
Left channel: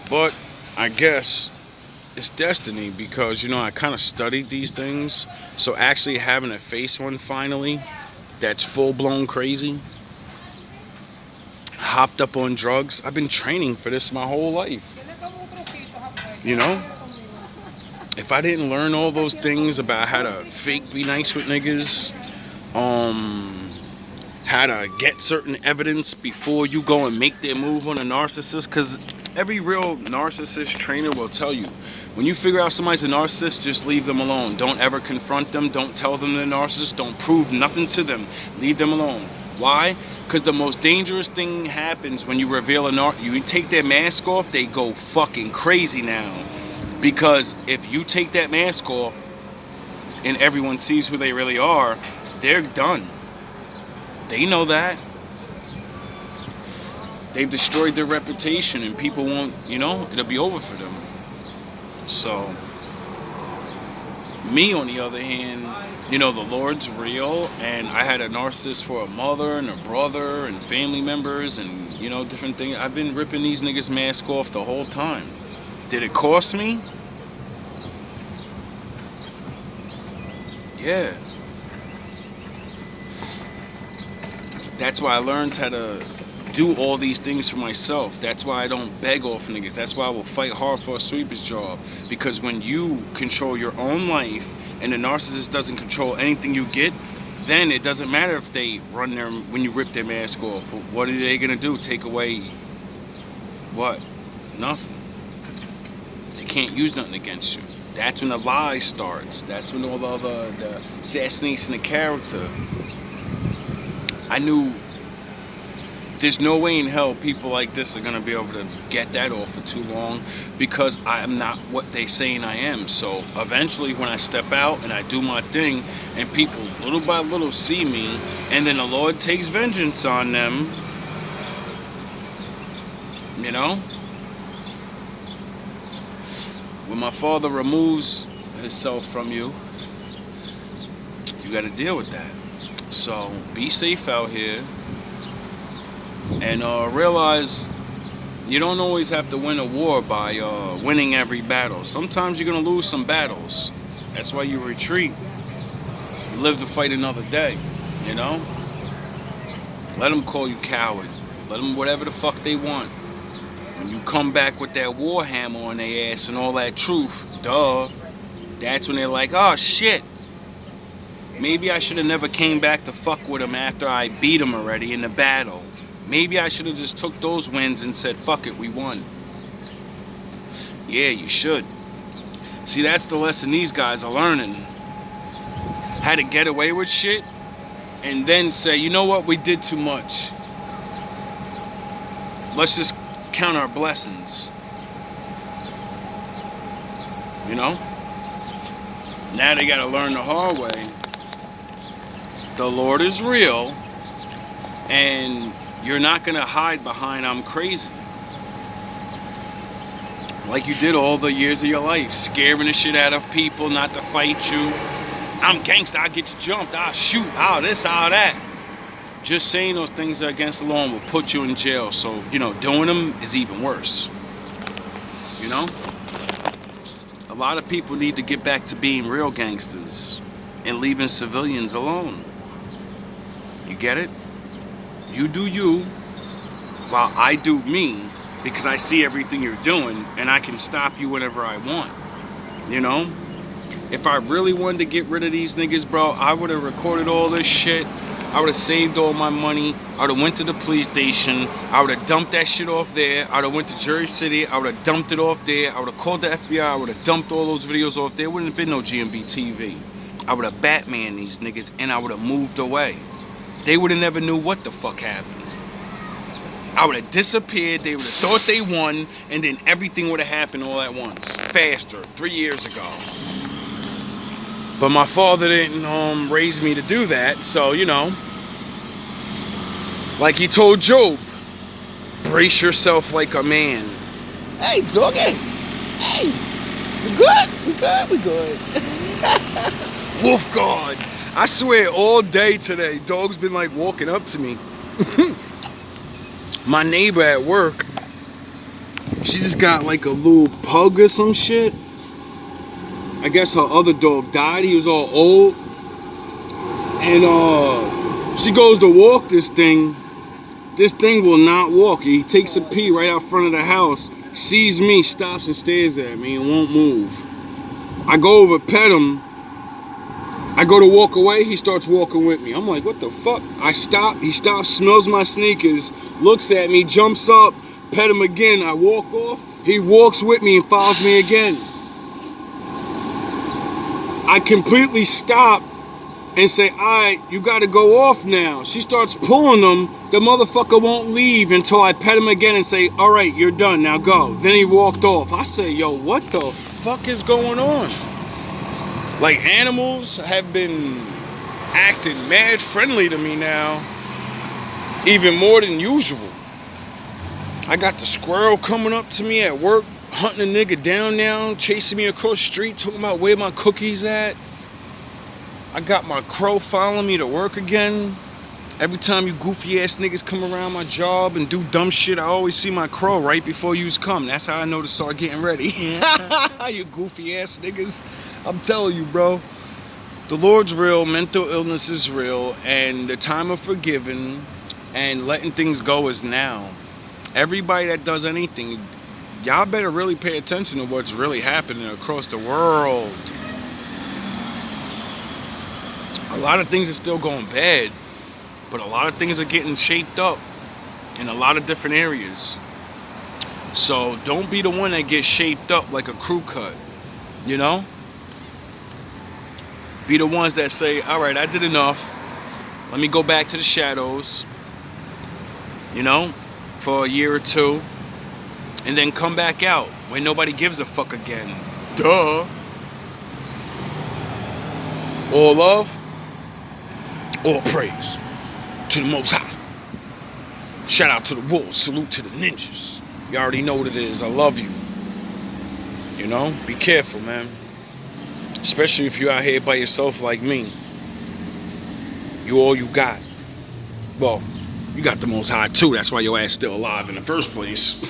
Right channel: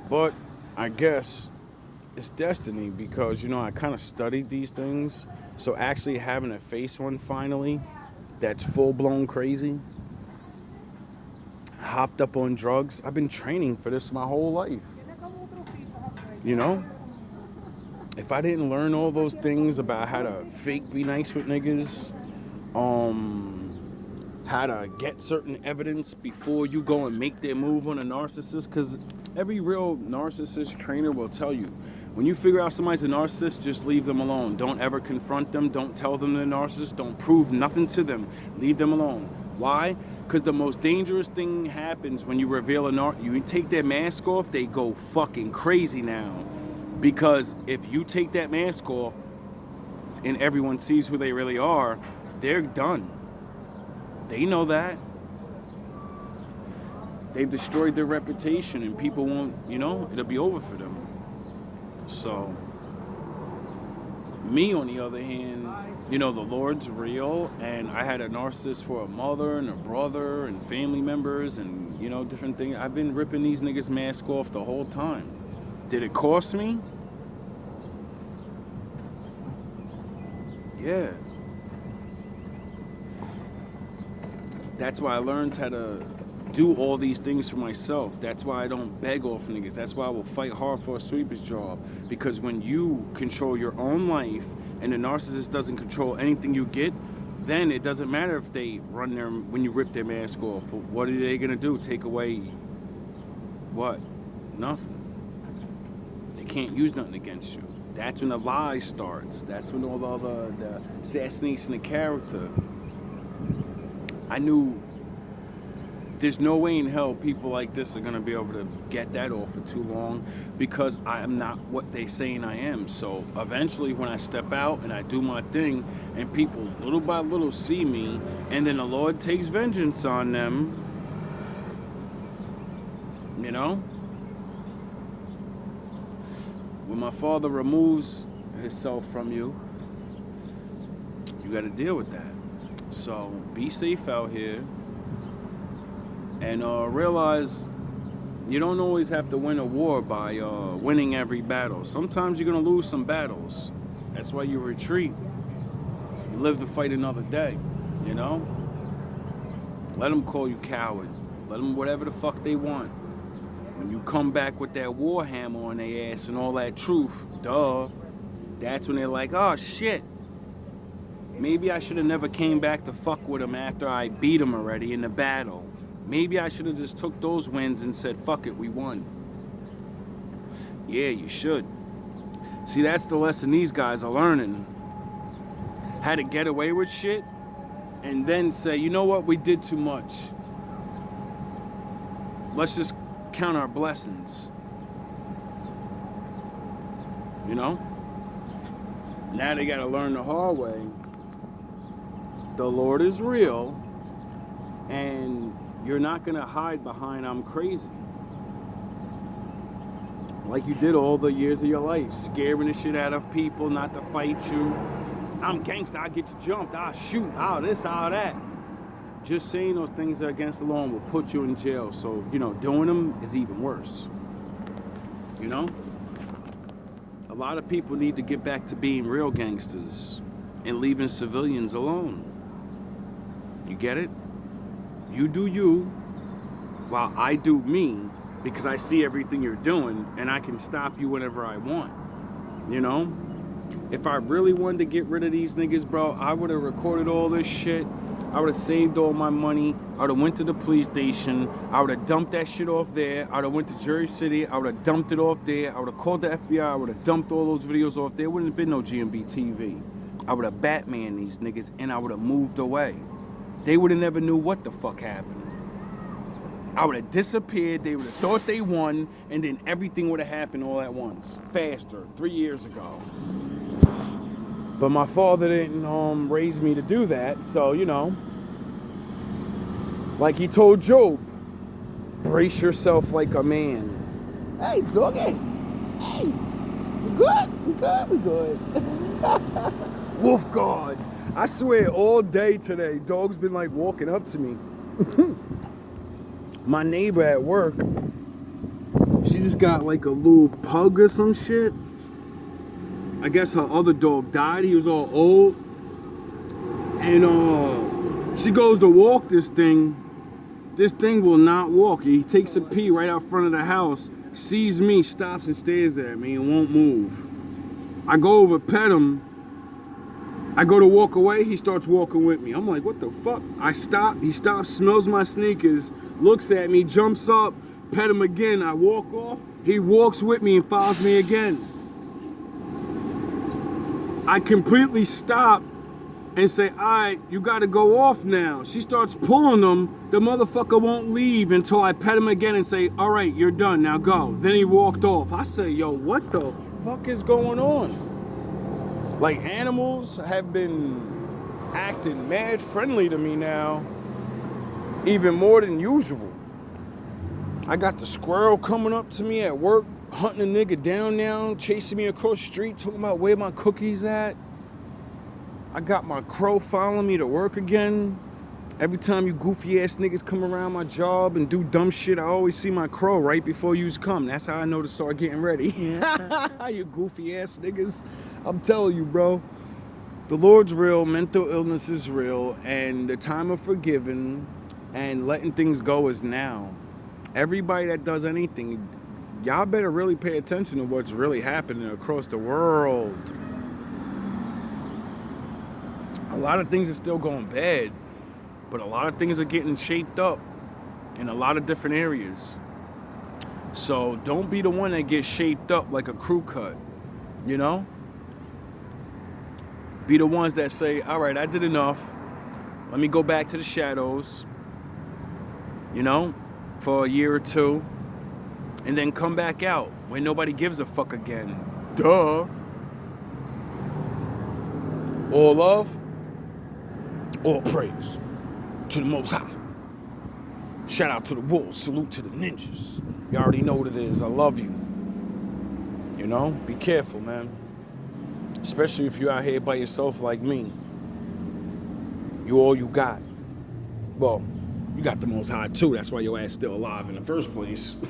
But I guess it's destiny because, you know, I kind of studied these things. So actually having to face one finally that's full-blown crazy, hopped up on drugs. I've been training for this my whole life. You know? If I didn't learn all those things about how to fake be nice with niggas, how to get certain evidence before you go and make their move on a narcissist, because every real narcissist trainer will tell you, when you figure out somebody's a narcissist, just leave them alone. Don't ever confront them. Don't tell them they're narcissists. Don't prove nothing to them. Leave them alone. Why? Because the most dangerous thing happens when you reveal you take their mask off, they go fucking crazy now. Because if you take that mask off and everyone sees who they really are, they're done. They know that. They've destroyed their reputation and people won't, you know, it'll be over for them. So, me on the other hand, you know, the Lord's real, and I had a narcissist for a mother and a brother and family members and, you know, different things. I've been ripping these niggas' mask off the whole time. Did it cost me? Yeah. That's why I learned how to do all these things for myself. That's why I don't beg off niggas. That's why I will fight hard for a sweeper's job. Because when you control your own life and the narcissist doesn't control anything you get, then it doesn't matter if they run their, when you rip their mask off. What are they gonna do? Take away what? Nothing. They can't use nothing against you. That's when the lie starts. That's when all the assassination of character. I knew There's no way in hell people like this are gonna be able to get that off for too long, because I am not what they saying I am. So eventually when I step out and I do my thing and people little by little see me, and then the Lord takes vengeance on them, you know? When my Father removes himself from you, you gotta deal with that. So be safe out here. And realize you don't always have to win a war by winning every battle. Sometimes you're going to lose some battles. That's why you retreat. You live to fight another day, you know? Let them call you coward. Let them whatever the fuck they want. When you come back with that war hammer on their ass and all that truth, duh, that's when they're like, oh shit. Maybe I should have never came back to fuck with them after I beat them already in the battle. Maybe I should have just took those wins and said, fuck it, we won. Yeah, you should. See, that's the lesson these guys are learning. How to get away with shit and then say, you know what, we did too much. Let's just count our blessings. You know? Now they gotta learn the hard way. The Lord is real, and you're not gonna hide behind I'm crazy. Like you did all the years of your life, scaring the shit out of people not to fight you. I'm gangster, I'll get you jumped, I'll shoot, I'll this, I'll that. Just saying those things are against the law will put you in jail. So, you know, doing them is even worse. You know? A lot of people need to get back to being real gangsters and leaving civilians alone. You get it? You do you, while I do me, because I see everything you're doing, and I can stop you whenever I want. You know? If I really wanted to get rid of these niggas, bro, I would have recorded all this shit. I would have saved all my money. I would have went to the police station. I would have dumped that shit off there. I would have went to Jersey City. I would have dumped it off there. I would have called the FBI. I would have dumped all those videos off there. Wouldn't have been no GMB TV. I would have Batman these niggas, and I would have moved away. They would have never knew what the fuck happened. I would have disappeared. They would have thought they won, and then everything would have happened all at once, faster, 3 years ago. But my father didn't raise me to do that, so, you know, like he told Job, brace yourself like a man. Hey, doggy. Hey, we good? We good? We good. Wolf God. I swear, all day today, dog's been like walking up to me. My neighbor at work, she just got like a little pug or some shit. I guess her other dog died. He was all old. And she goes to walk this thing. This thing will not walk. He takes a pee right out front of the house, sees me, stops and stares at me and won't move. I go over, pet him. I go to walk away, he starts walking with me. I'm like, what the fuck? I stop, he stops, smells my sneakers, looks at me, jumps up, pet him again. I walk off, he walks with me and follows me again. I completely stop and say, all right, you gotta go off now. She starts pulling him. The motherfucker won't leave until I pet him again and say, all right, you're done, now go. Then he walked off. I say, yo, what the fuck is going on? Like, animals have been acting mad friendly to me now, even more than usual. I got the squirrel coming up to me at work, hunting a nigga down now, chasing me across the street, talking about where my cookies at. I got my crow following me to work again. Every time you goofy ass niggas come around my job and do dumb shit, I always see my crow right before yous come. That's how I know to start getting ready. You goofy ass niggas. I'm telling you, bro. The Lord's real, mental illness is real, and the time of forgiving and letting things go is now. Everybody that does anything, y'all better really pay attention to what's really happening across the world. A lot of things are still going bad, but a lot of things are getting shaped up in a lot of different areas. So don't be the one that gets shaped up like a crew cut, you know? Be the ones that say, all right, I did enough. Let me go back to the shadows. you know, for a year or two, and then come back out when nobody gives a fuck again. Duh. All love, all praise to the Most High. Shout out to the wolves, salute to the ninjas. You already know what it is. I love you. You know, be careful, man. Especially if you're out here by yourself like me. You all you got. Well, you got the Most High too. That's why your ass still alive in the first place.